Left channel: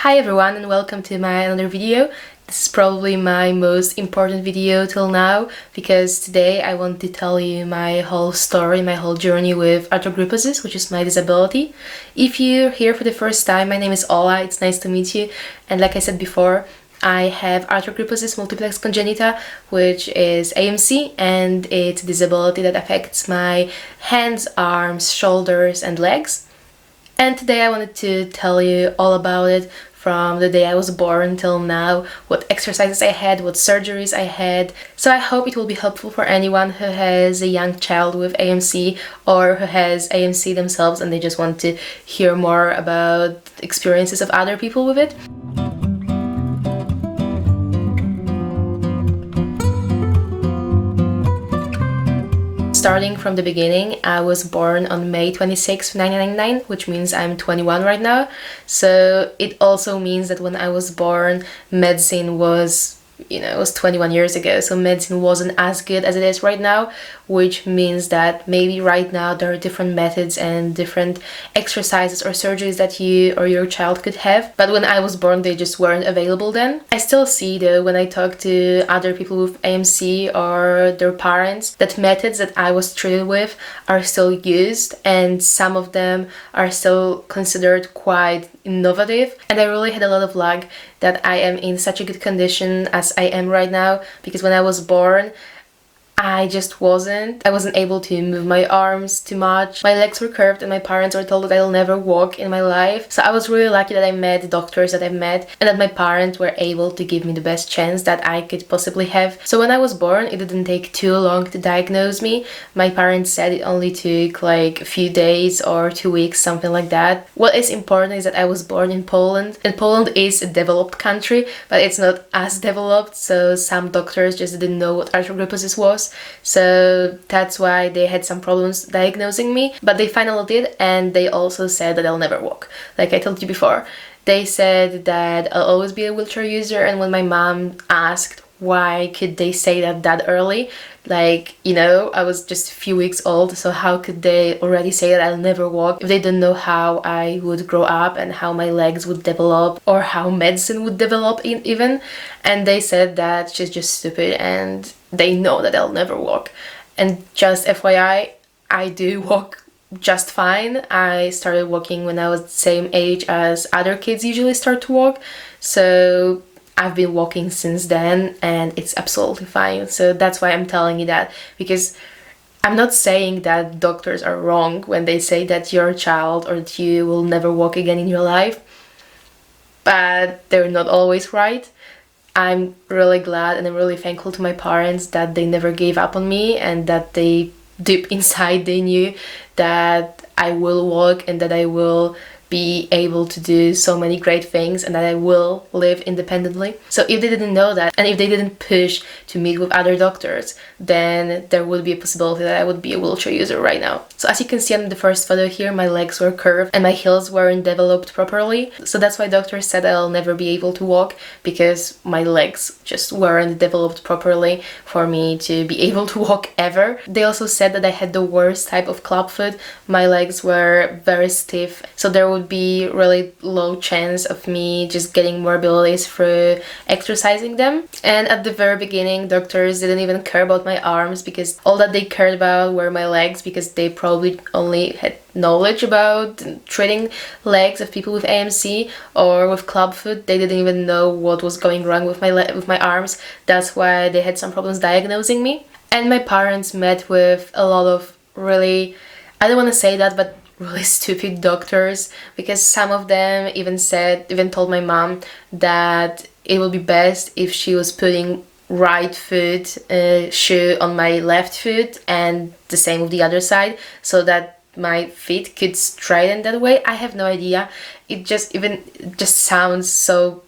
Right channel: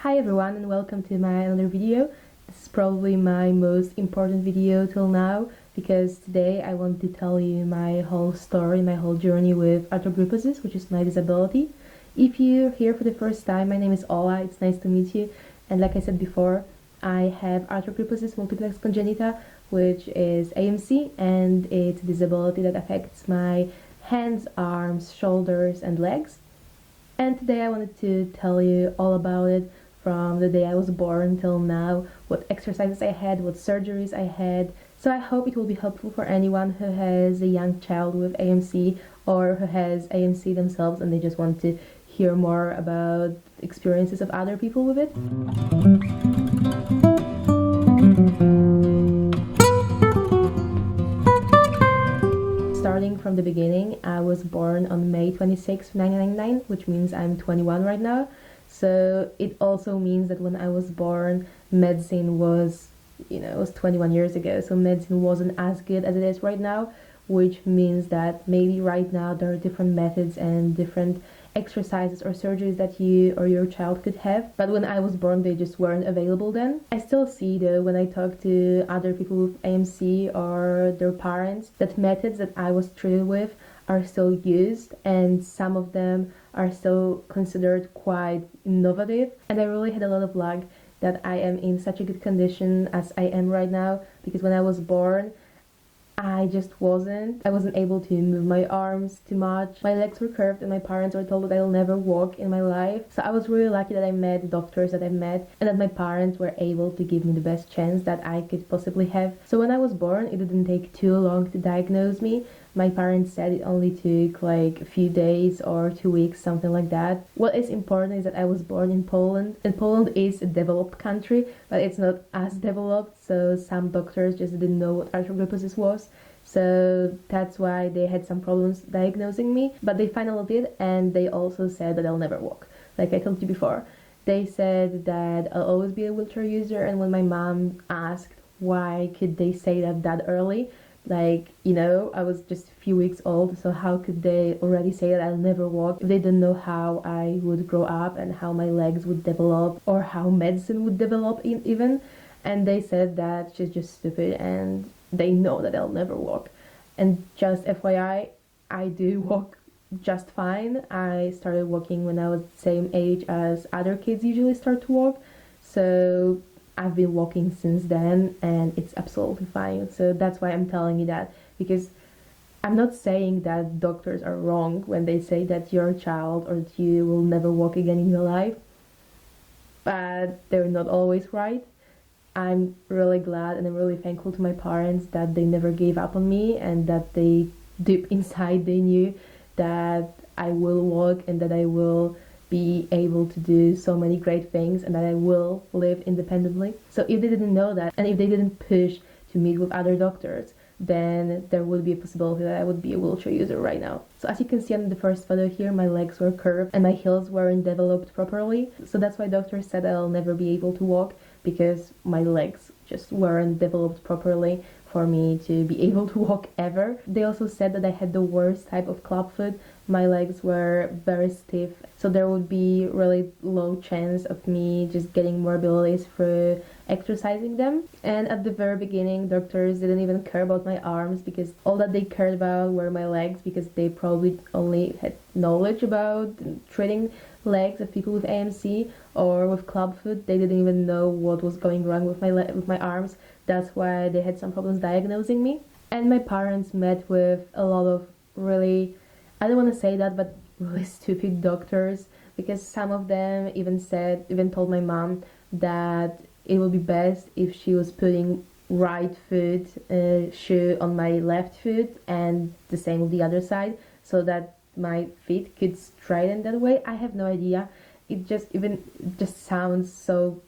Hi everyone and welcome to my another video. This is probably my most important video till now because today I want to tell you my whole story, my whole journey with arthrogryposis, which is my disability. If you're here for the first time, my name is Ola, it's nice to meet you, and like I said before, I have arthrogryposis multiplex congenita, which is AMC, and it's a disability that affects my hands, arms, shoulders and legs. And today I wanted to tell you all about it from the day I was born till now, what exercises I had, what surgeries I had. So I hope it will be helpful for anyone who has a young child with AMC or who has AMC themselves and they just want to hear more about experiences of other people with it. Starting from the beginning, I was born on May 26, 1999, which means I'm 21 right now. So it also means that when I was born, medicine was, it was 21 years ago. So medicine wasn't as good as it is right now, which means that maybe right now there are different methods and different exercises or surgeries that you or your child could have. But when I was born, they just weren't available then. I still see though, when I talk to other people with AMC or their parents, that methods that I was treated with are still used and some of them are still considered quite innovative. And I really had a lot of luck that I am in such a good condition as I am right now, because when I was born, I wasn't able to move my arms too much. My legs were curved and my parents were told that I'll never walk in my life. So I was really lucky that I met the doctors that I've met and that my parents were able to give me the best chance that I could possibly have. So when I was born, it didn't take too long to diagnose me. My parents said it only took like a few days or 2 weeks, something like that. What is important is that I was born in Poland, and Poland is a developed country, but it's not as developed, so some doctors just didn't know what arthrogryposis was. So that's why they had some problems diagnosing me, but they finally did, and they also said that I'll never walk. Like I told you before, they said that I'll always be a wheelchair user, and when my mom asked why could they say that early, I was just a few weeks old, so how could they already say that I'll never walk if they don't know how I would grow up and how my legs would develop or how medicine would develop even. And they said that she's just stupid and they know that I'll never walk. And just FYI, I do walk just fine. I started walking when I was the same age as other kids usually start to walk, so I've been walking since then and it's absolutely fine. So that's why I'm telling you that, because I'm not saying that doctors are wrong when they say that your child or that you will never walk again in your life, but they're not always right. I'm really glad and I'm really thankful to my parents that they never gave up on me and that they deep inside they knew that I will walk and that I will be able to do so many great things and that I will live independently. So if they didn't know that and if they didn't push to meet with other doctors, then there would be a possibility that I would be a wheelchair user right now. So as you can see on the first photo here, my legs were curved and my heels weren't developed properly. So that's why doctors said I'll never be able to walk, because my legs just weren't developed properly for me to be able to walk ever. They also said that I had the worst type of club foot. My legs were very stiff, so there would be really low chance of me just getting more abilities through exercising them. And at the very beginning, doctors didn't even care about my arms, because all that they cared about were my legs, because they probably only had knowledge about treating legs of people with AMC or with club foot. They didn't even know what was going wrong with my arms. That's why they had some problems diagnosing me. And my parents met with a lot of really, I don't want to say that, but really stupid doctors, because some of them even told my mom that it would be best if she was putting right foot shoe on my left foot and the same with the other side, so that my feet could straighten that way. I have no idea. It just sounds so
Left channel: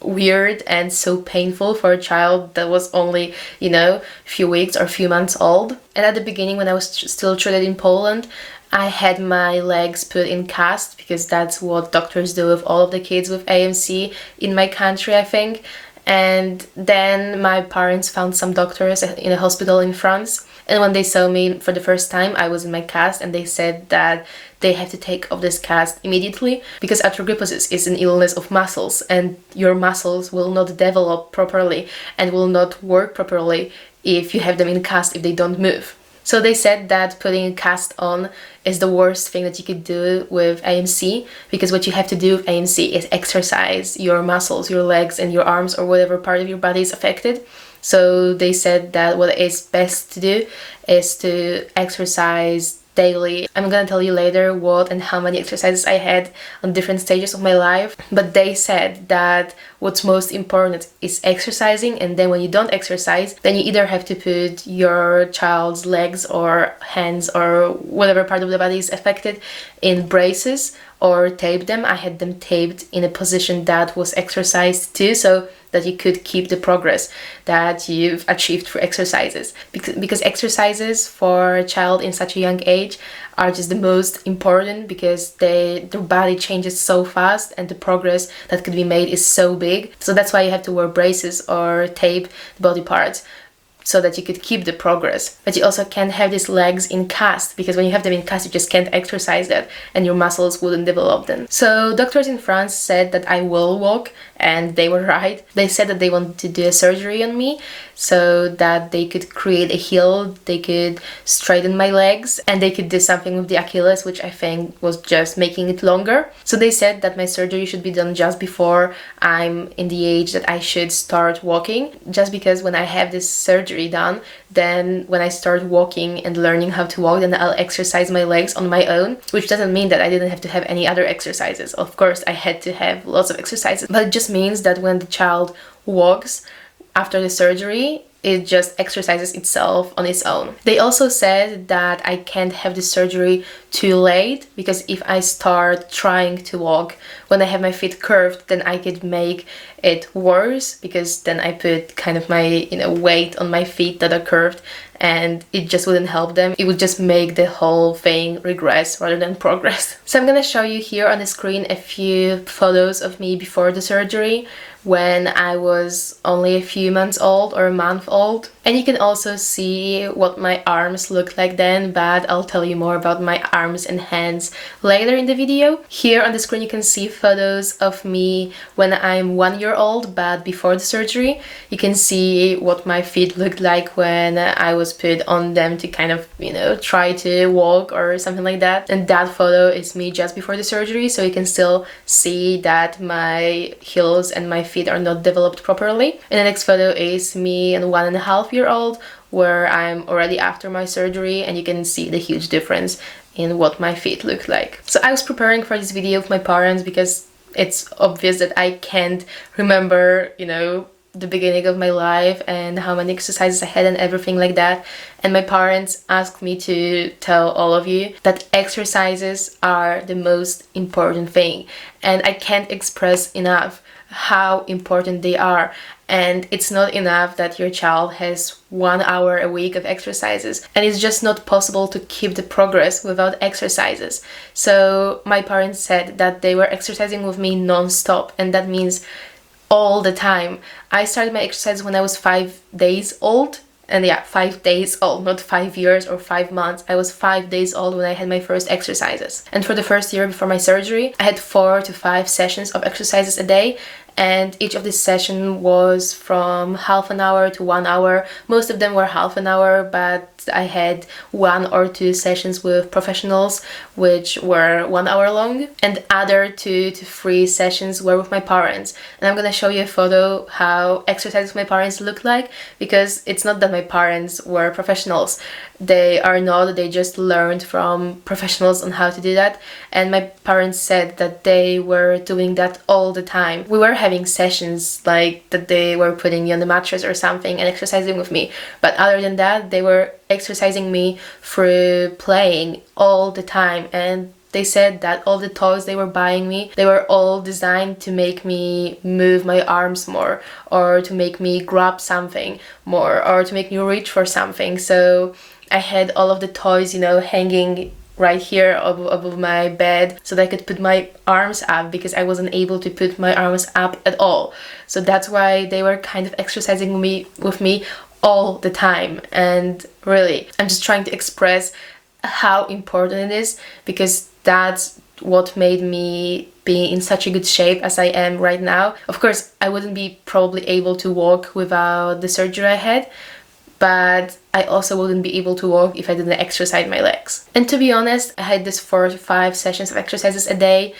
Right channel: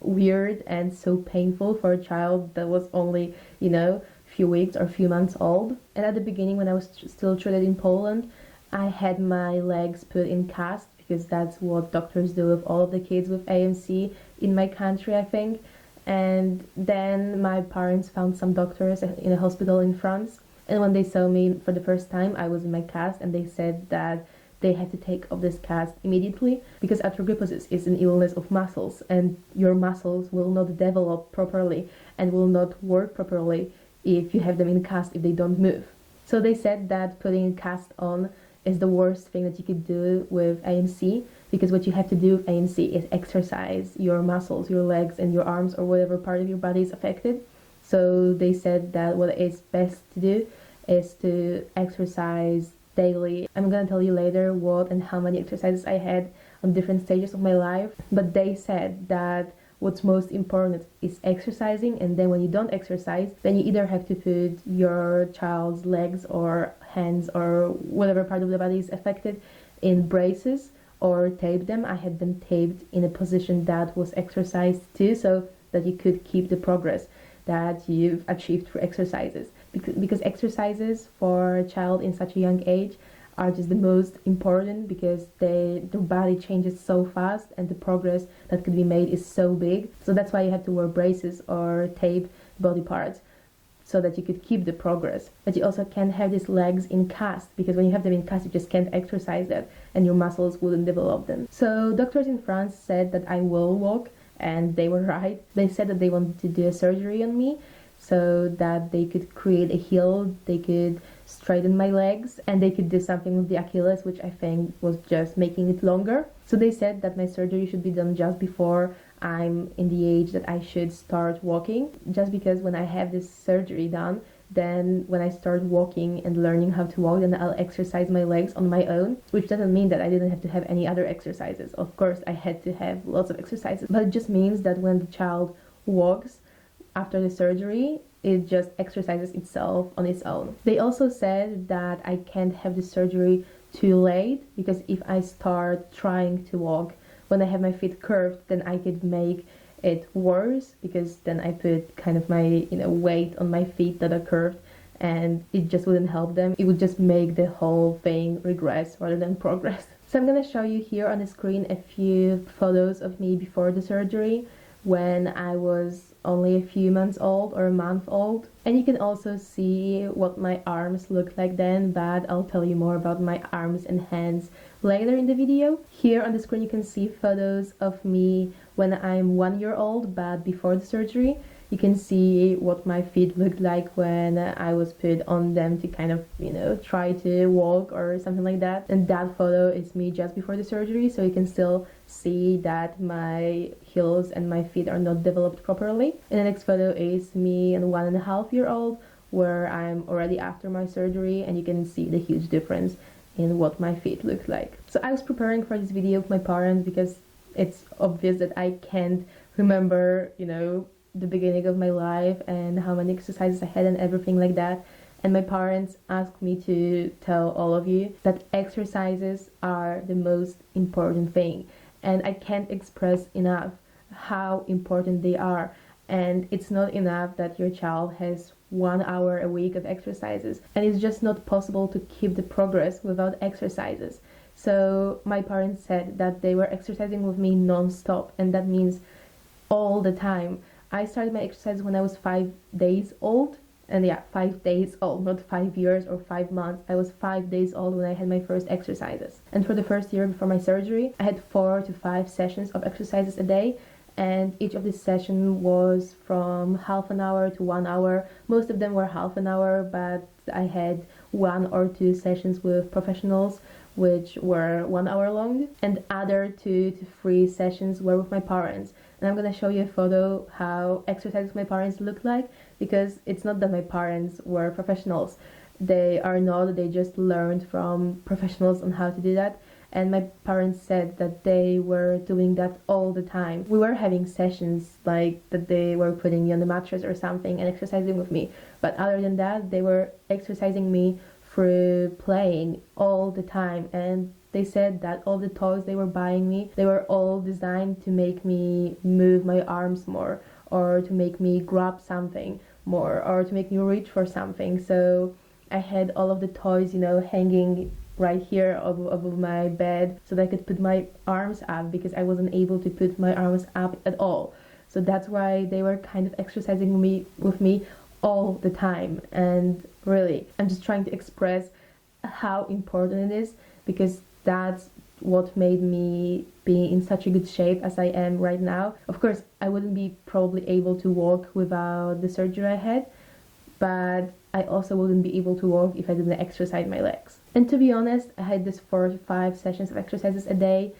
weird and so painful for a child that was only, a few weeks or a few months old. And at the beginning, when I was still treated in Poland, I had my legs put in cast, because that's what doctors do with all of the kids with AMC in my country, I think. And then my parents found some doctors in a hospital in France. And when they saw me for the first time, I was in my cast, and they said that they have to take off this cast immediately, because arthrogryposis is an illness of muscles, and your muscles will not develop properly and will not work properly if you have them in cast, if they don't move. So they said that putting a cast on is the worst thing that you could do with AMC, because what you have to do with AMC is exercise your muscles, your legs and your arms, or whatever part of your body is affected. So they said that what is best to do is to exercise daily. I'm gonna tell you later what and how many exercises I had on different stages of my life, but they said that what's most important is exercising, and then when you don't exercise, then you either have to put your child's legs or hands or whatever part of the body is affected in braces or tape them. I had them taped in a position that was exercised too, so that you could keep the progress that you've achieved through exercises. Because exercises for a child in such a young age are just the most important, because their body changes so fast and the progress that could be made is so big. So that's why you have to wear braces or tape the body parts, so that you could keep the progress. But you also can't have these legs in cast, because when you have them in cast, you just can't exercise that and your muscles wouldn't develop them. So doctors in France said that I will walk, and they were right. They said that they wanted to do a surgery on me so that they could create a heel, they could straighten my legs, and they could do something with the Achilles, which I think was just making it longer. So they said that my surgery should be done just before I'm in the age that I should start walking, just because when I have this surgery done, then when I start walking and learning how to walk, then I'll exercise my legs on my own, which doesn't mean that I didn't have to have any other exercises. Of course, I had to have lots of exercises, but it just means that when the child walks after the surgery, it just exercises itself on its own. They also said that I can't have the surgery too late, because if I start trying to walk when I have my feet curved, then I could make it worse, because then I put kind of my weight on my feet that are curved, and it just wouldn't help them. It would just make the whole thing regress rather than progress. So I'm gonna show you here on the screen a few photos of me before the surgery, when I was only a few months old or a month old. And you can also see what my arms looked like then, but I'll tell you more about my arms and hands later in the video. Here on the screen you can see photos of me when I'm 1 year old, but before the surgery. You can see what my feet looked like when I was put on them to kind of, try to walk or something like that. And that photo is me just before the surgery, so you can still see that my heels and my feet are not developed properly. And the next photo is me at 1.5 years old, where I'm already after my surgery, and you can see the huge difference in what my feet look like. So I was preparing for this video with my parents, because it's obvious that I can't remember, the beginning of my life and how many exercises I had and everything like that. And my parents asked me to tell all of you that exercises are the most important thing, and I can't express enough how important they are. And it's not enough that your child has 1 hour a week of exercises, and it's just not possible to keep the progress without exercises. So my parents said that they were exercising with me non-stop, and that means all the time. I started my exercise when I was 5 days old, and 5 days old, not 5 years or 5 months. I was 5 days old when I had my first exercises. And for the first year before my surgery, I had 4 to 5 sessions of exercises a day, and each of these sessions was from half an hour to 1 hour. Most of them were half an hour, but I had 1 or 2 sessions with professionals which were 1 hour long, and other 2 to 3 sessions were with my parents. And I'm gonna show you a photo how exercises with my parents look like, because it's not that my parents were professionals. They are not, they just learned from professionals on how to do that. And my parents said that they were doing that all the time. We were having sessions like that they were putting me on the mattress or something and exercising with me. But other than that, they were exercising me through playing all the time. And they said that all the toys they were buying me, they were all designed to make me move my arms more, or to make me grab something more, or to make me reach for something. So I had all of the toys, hanging right here above my bed, so that I could put my arms up, because I wasn't able to put my arms up at all. So that's why they were kind of exercising with me all the time. And really, I'm just trying to express how important it is, because that's what made me be in such a good shape as I am right now. Of course, I wouldn't be probably able to walk without the surgery I had, but I also wouldn't be able to walk if I didn't exercise my legs. And to be honest, I had this 4 to 5 sessions of exercises a day,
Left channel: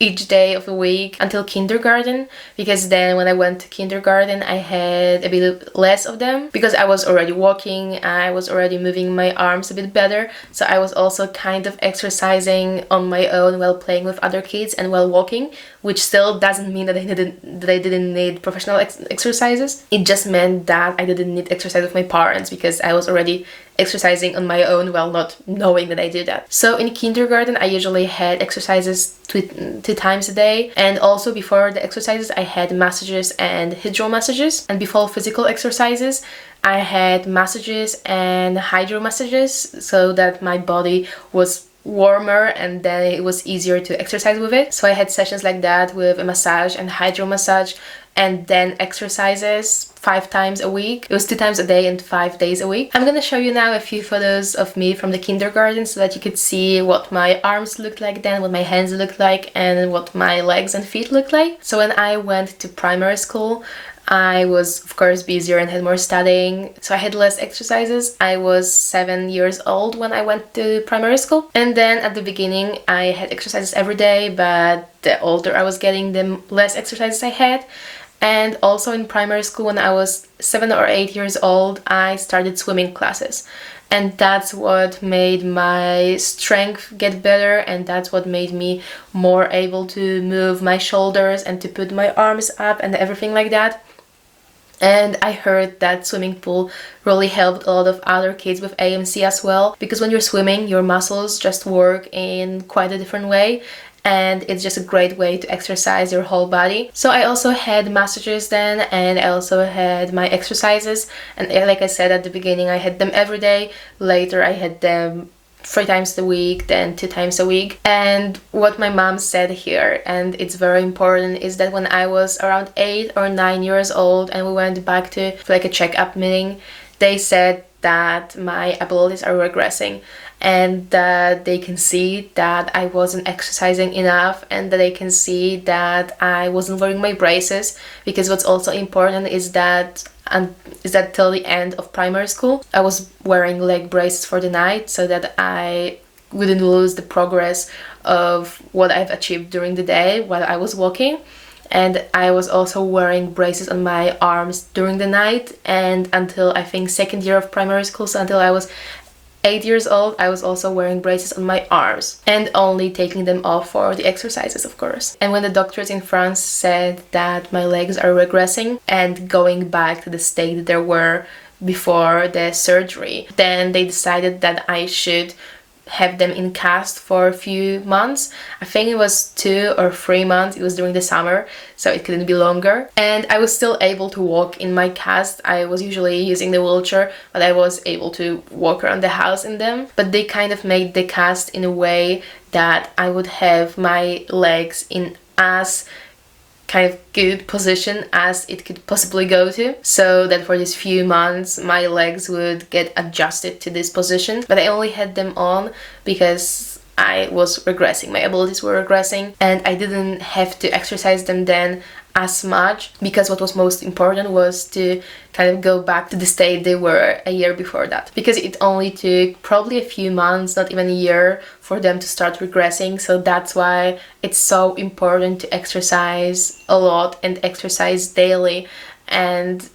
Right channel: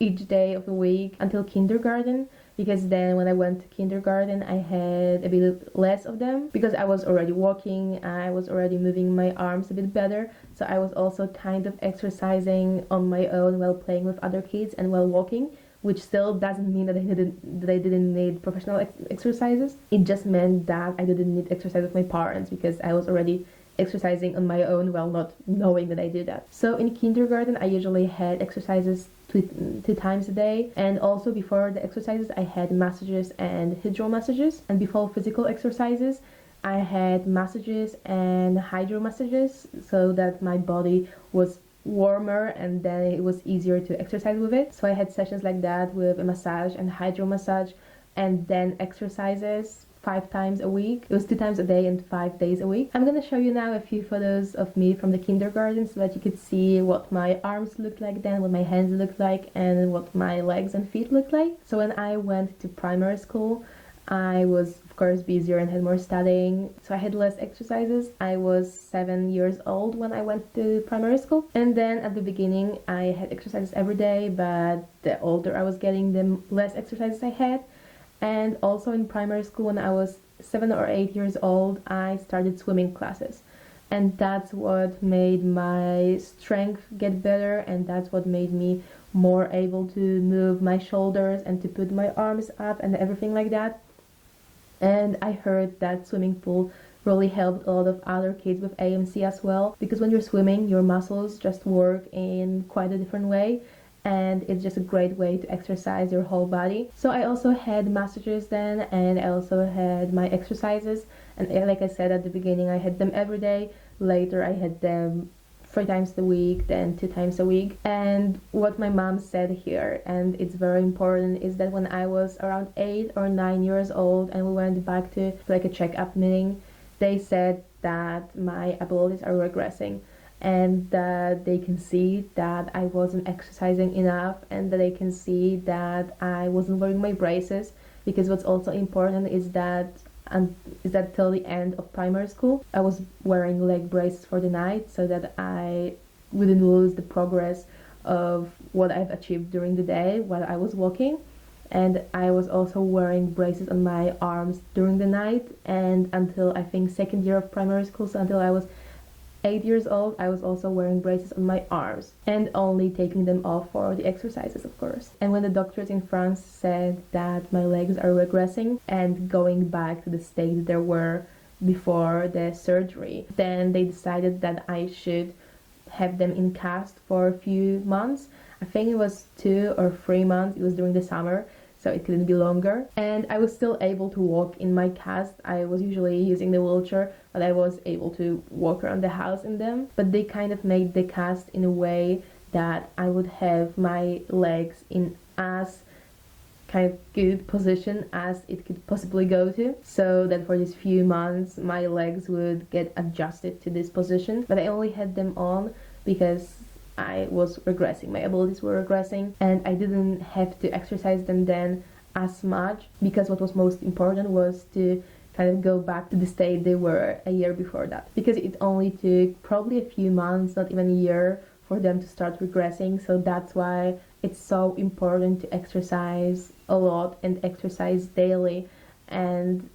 each day of the week until kindergarten, because then when I went to kindergarten I had a bit less of them because I was already walking, I was already moving my arms a bit better, so I was also kind of exercising on my own while playing with other kids and while walking, which still doesn't mean that I didn't need professional exercises. It just meant that I didn't need exercise with my parents because I was already exercising on my own while not knowing that I did that. So in kindergarten I usually had exercises two times a day, and also before the exercises I had massages and hydro massages, and before physical exercises I had massages and hydro massages so that my body was warmer and then it was easier to exercise with it. So I had sessions like that with a massage and hydro massage, and then exercises 5 times a week. It was 2 times a day and 5 days a week. I'm gonna show you now a few photos of me from the kindergarten so that you could see what my arms looked like then, what my hands looked like, and what my legs and feet looked like. So when I went to primary school, I was of course busier and had more studying, so I had less exercises. I was 7 years old when I went to primary school, and then at the beginning I had exercises every day, but the older I was getting, the less exercises I had. And also in primary school, when I was 7 or 8 years old, I started swimming classes. And that's what made my strength get better, and that's what made me more able to move my shoulders and to put my arms up and everything like that. And I heard that swimming pool really helped a lot of other kids with AMC as well, because when you're swimming, your muscles just work in quite a different way, and it's just a great way to exercise your whole body. So I also had massages then, and I also had my exercises, and like I said at the beginning, I had them every day. Later I had them 3 times a week, then 2 times a week. And what my mom said here, and it's very important, is that when I was around 8 or 9 years old and we went back to like a checkup meeting, they said that my abilities are regressing, and that they can see that I wasn't exercising enough, and that they can see that I wasn't wearing my braces, because what's also important is that till the end of primary school I was wearing leg braces for the night so that I wouldn't lose the progress of what I've achieved during the day while I was walking. And I was also wearing braces on my arms during the night, and until I think 2nd year of primary school, so until I was 8 years old, I was also wearing braces on my arms and only taking them off for the exercises, of course. And when the doctors in France said that my legs are regressing and going back to the state they were before the surgery, then they decided that I should have them in cast for a few months. I think it was 2 or 3 months. It was during the summer, so it couldn't be longer. And I was still able to walk in my cast. I was usually using the wheelchair, but I was able to walk around the house in them. But they kind of made the cast in a way that I would have my legs in as kind of good position as it could possibly go to, so that for these few months my legs would get adjusted to this position. But I only had them on because I was regressing, my abilities were regressing, and I didn't have to exercise them then as much, because what was most important was to kind of go back to the state they were a year before that, because it only took probably a few months, not even a year, for them to start regressing. So that's why it's so important to exercise a lot and exercise daily. And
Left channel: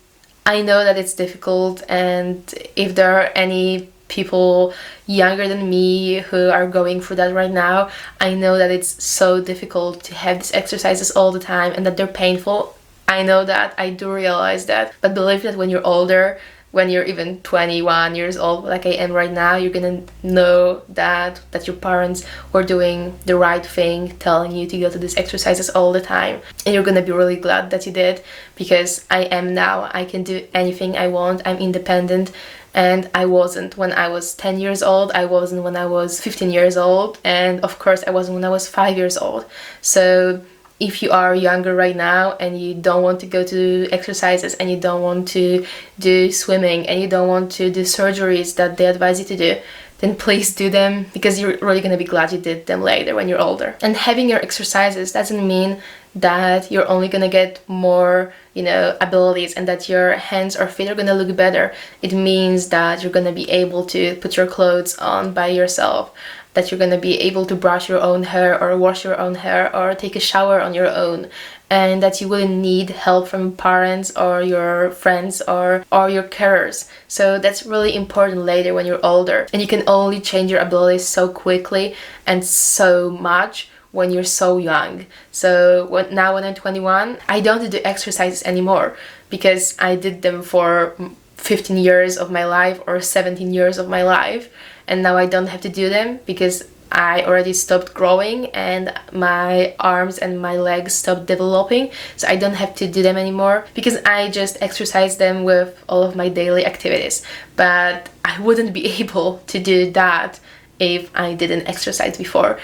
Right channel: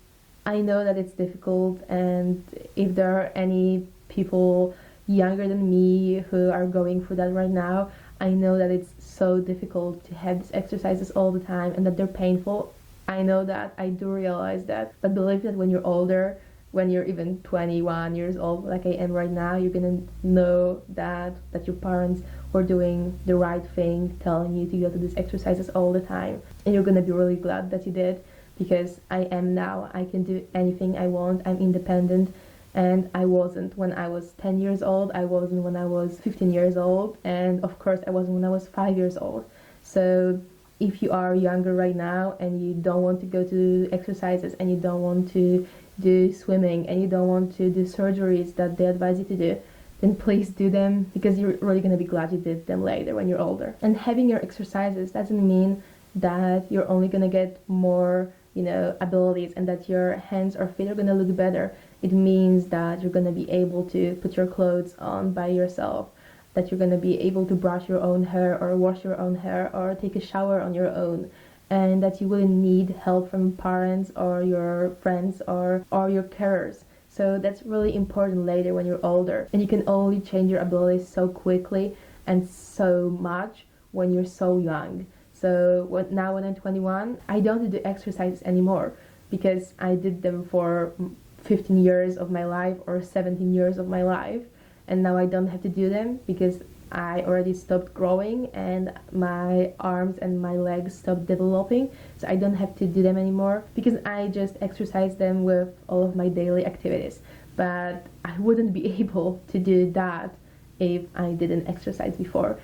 I know that it's difficult, and if there are any people younger than me who are going through that right now, I know that it's so difficult to have these exercises all the time and that they're painful. I know that, I do realize that, but believe that when you're older, when you're even 21 years old like I am right now, you're gonna know that your parents were doing the right thing, telling you to go to these exercises all the time, and you're gonna be really glad that you did, because I am now. I can do anything I want, I'm independent, and I wasn't when I was 10 years old, I wasn't when I was 15 years old, and of course I wasn't when I was 5 years old. So if you are younger right now and you don't want to go to exercises, and you don't want to do swimming, and you don't want to do surgeries that they advise you to do, then please do them, because you're really gonna be glad you did them later when you're older. And having your exercises doesn't mean that you're only gonna get more, you know, abilities and that your hands or feet are gonna look better. It means that you're gonna be able to put your clothes on by yourself, that you're gonna be able to brush your own hair or wash your own hair or take a shower on your own, and that you wouldn't need help from parents or your friends or your carers. So that's really important later when you're older. And you can only change your abilities so quickly and so much when you're so young. So now when I'm 21, I don't do exercises anymore, because I did them for 15 years of my life or 17 years of my life, and now I don't have to do them because I already stopped growing and my arms and my legs stopped developing, so I don't have to do them anymore because I just exercise them with all of my daily activities. But I wouldn't be able to do that if I didn't exercise before.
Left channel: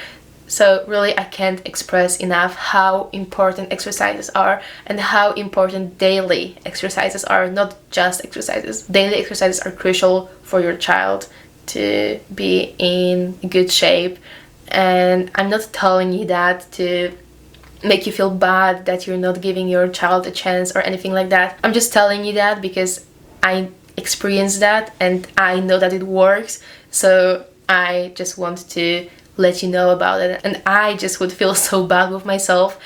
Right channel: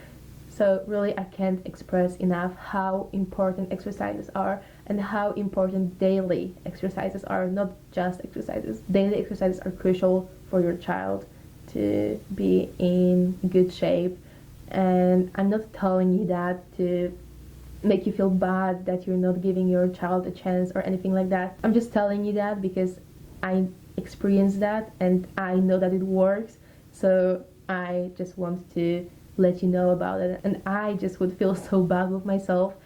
So really, I can't express enough how important exercises are and how important daily exercises are, not just exercises. Daily exercises are crucial for your child to be in good shape. And I'm not telling you that to make you feel bad that you're not giving your child a chance or anything like that. I'm just telling you that because I experienced that and I know that it works. So I just want to let you know about it. And I just would feel so bad with myself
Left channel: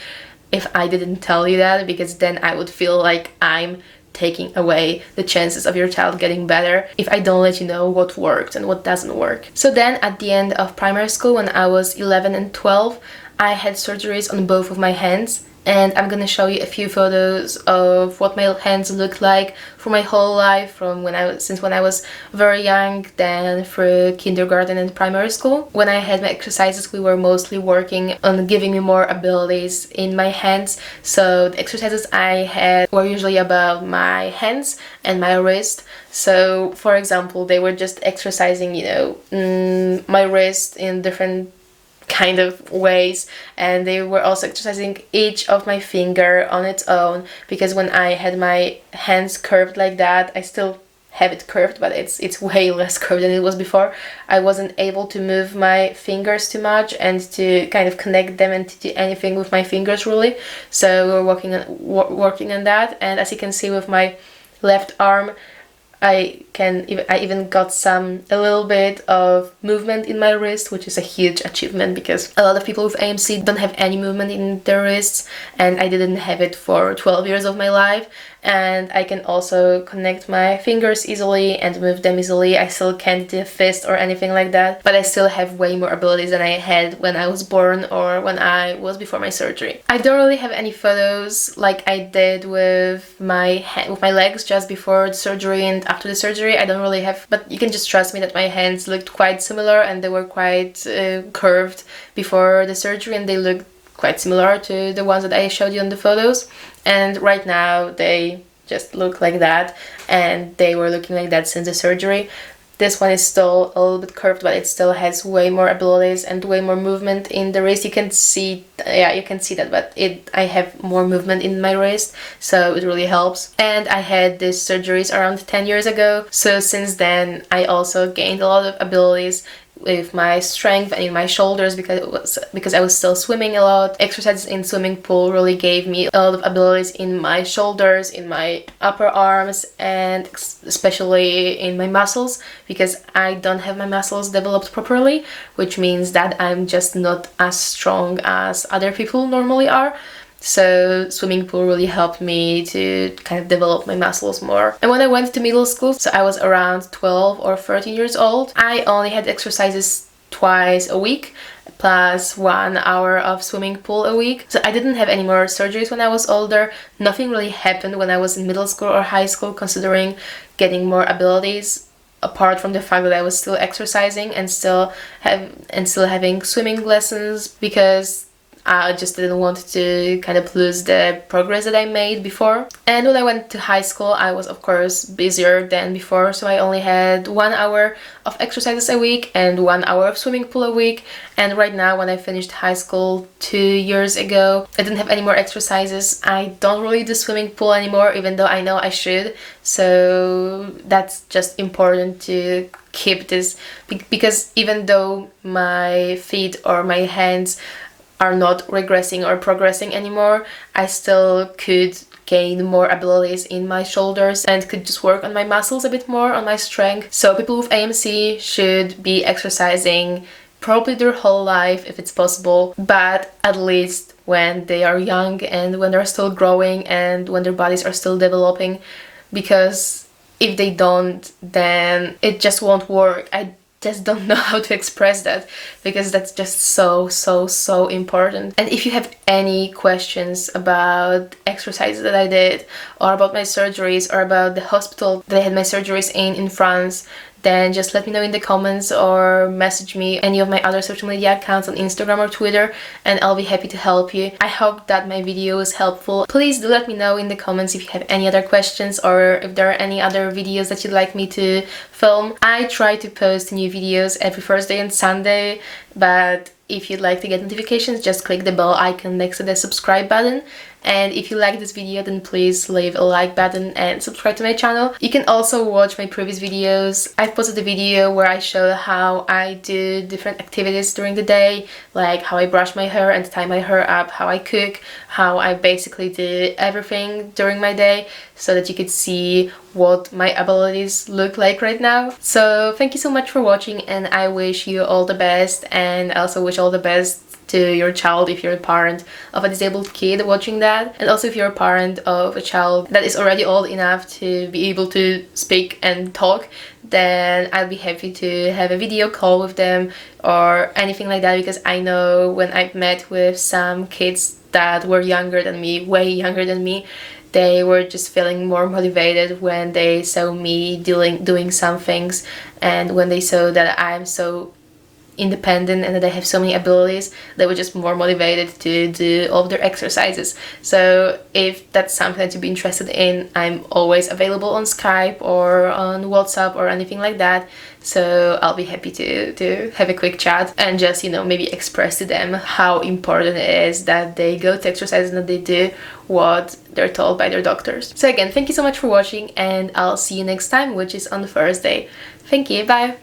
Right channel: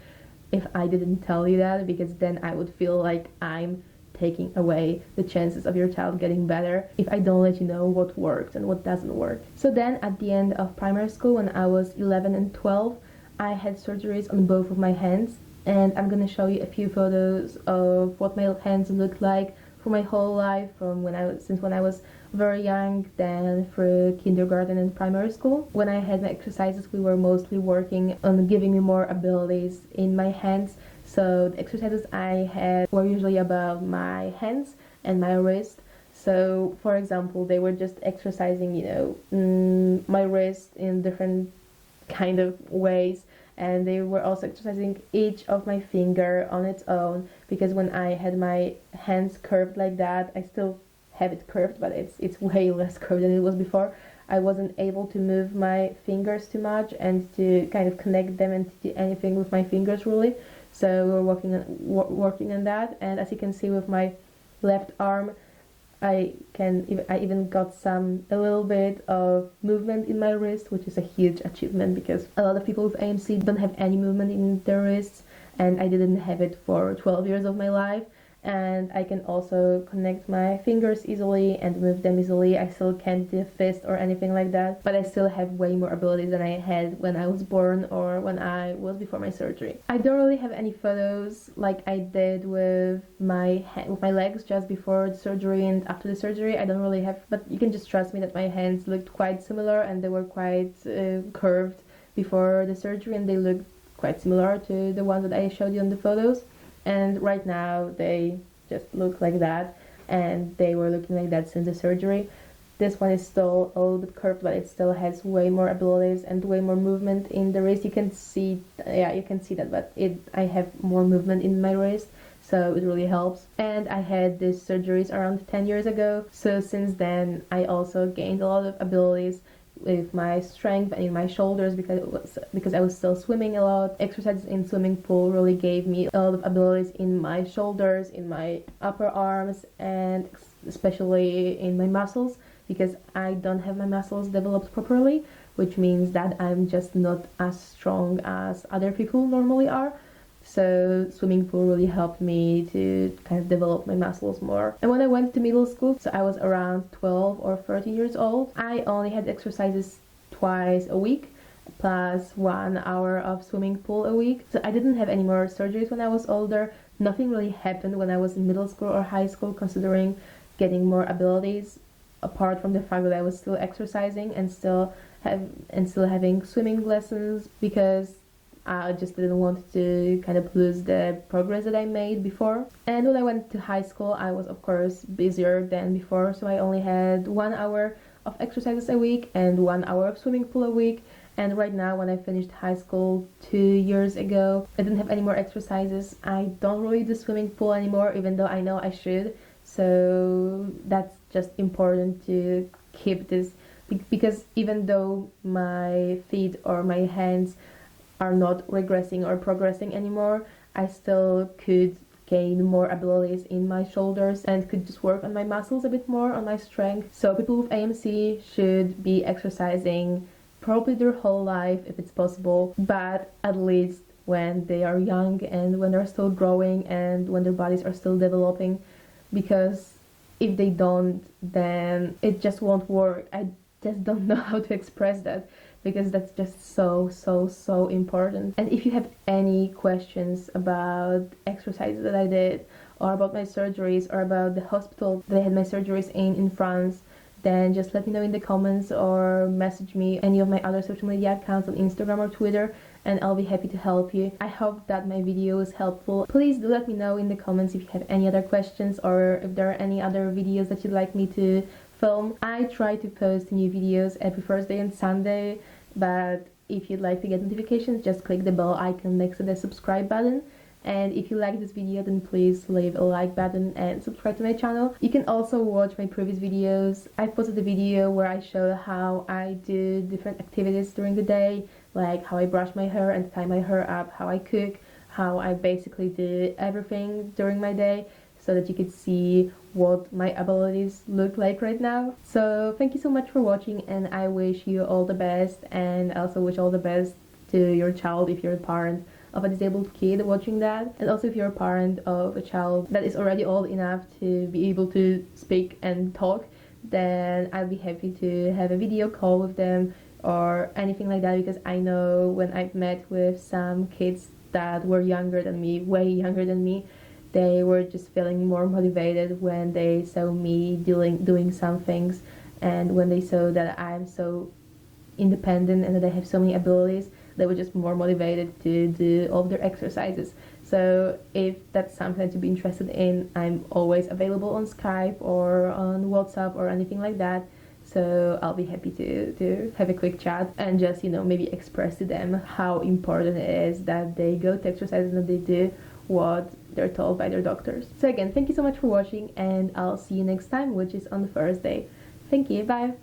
if I didn't tell you that, because then I would feel like I'm taking away the chances of your child getting better if I don't let you know what worked and what doesn't work. So then at the end of primary school, when I was 11 and 12, I had surgeries on both of my hands. And I'm gonna show you a few photos of what my hands looked like for my whole life, since when I was very young, then through kindergarten and primary school. When I had my exercises, we were mostly working on giving me more abilities in my hands. So the exercises I had were usually about my hands and my wrist. So for example, they were just exercising, my wrist in different kind of ways, and they were also exercising each of my finger on its own, because when I had my hands curved like that, I still have it curved, but it's way less curved than it was before. I wasn't able to move my fingers too much and to kind of connect them and to do anything with my fingers really. So we're working on that, and as you can see with my left arm, I even got a little bit of movement in my wrist, which is a huge achievement because a lot of people with AMC don't have any movement in their wrists, and I didn't have it for 12 years of my life. And I can also connect my fingers easily and move them easily. I still can't do a fist or anything like that, but I still have way more abilities than I had when I was born or when I was before my surgery. I don't really have any photos like I did with my legs just before the surgery and after the surgery. I don't really have, but you can just trust me that my hands looked quite similar and they were quite curved before the surgery, and they looked quite similar to the ones that I showed you on the photos. And right now they just look like that, and they were looking like that since the surgery. This one is still a little bit curved, but it still has way more abilities and way more movement in the wrist. You can see that, but I have more movement in my wrist, so it really helps. And I had these surgeries around 10 years ago, so since then I also gained a lot of abilities with my strength and in my shoulders because I was still swimming a lot. Exercises in swimming pool really gave me a lot of abilities in my shoulders, in my upper arms, and especially in my muscles, because I don't have my muscles developed properly, which means that I'm just not as strong as other people normally are. So swimming pool really helped me to kind of develop my muscles more. And when I went to middle school, so I was around 12 or 13 years old, I only had exercises twice a week plus 1 hour of swimming pool a week. So I didn't have any more surgeries when I was older. Nothing really happened when I was in middle school or high school considering getting more abilities, apart from the fact that I was still exercising and still having swimming lessons, because I just didn't want to kind of lose the progress that I made before. And when I went to high school, I was of course busier than before, so I only had 1 hour of exercises a week and 1 hour of swimming pool a week. And right now, when I finished high school 2 years ago, I didn't have any more exercises. I don't really do swimming pool anymore, even though I know I should. So that's just important to keep this, because even though my feet or my hands are not regressing or progressing anymore, I still could gain more abilities in my shoulders and could just work on my muscles a bit more, on my strength. So people with AMC should be exercising probably their whole life if it's possible, but at least when they are young and when they're still growing and when their bodies are still developing, because if they don't, then it just won't work. I just don't know how to express that, because that's just so important. And if you have any questions about exercises that I did, or about my surgeries, or about the hospital that I had my surgeries in France, then just let me know in the comments or message me any of my other social media accounts on Instagram or Twitter, and I'll be happy to help you. I hope that my video was helpful. Please do let me know in the comments if you have any other questions or if there are any other videos that you'd like me to film. I try to post new videos every Thursday and Sunday, but if you'd like to get notifications, just click the bell icon next to the subscribe button. And if you like this video, then please leave a like button and subscribe to my channel. You can also watch my previous videos. I've posted a video where I show how I do different activities during the day, like how I brush my hair and tie my hair up, how I cook, how I basically do everything during my day, so that you could see what my abilities look like right now. So thank you so much for watching, and I wish you all the best, and I also wish all the best to your child if you're a parent of a disabled kid watching that, and also if you're a parent of a child that is already old enough to be able to speak and talk, then I'll be happy to have a video call with them or anything like that, because I know when I've met with some kids that were younger than me, way younger than me, they were just feeling more motivated when they saw me doing some things, and when they saw that I'm so independent and that I have so many abilities, they were just more motivated to do all of their exercises. So if that's something that you'd be interested in, I'm always available on Skype or on WhatsApp or anything like that. So I'll be happy to have a quick chat and just, you know, maybe express to them how important it is that they go to exercise and that they do what they're told by their doctors. So again, thank you so much for watching, and I'll see you next time, which is on Thursday. Thank you, bye!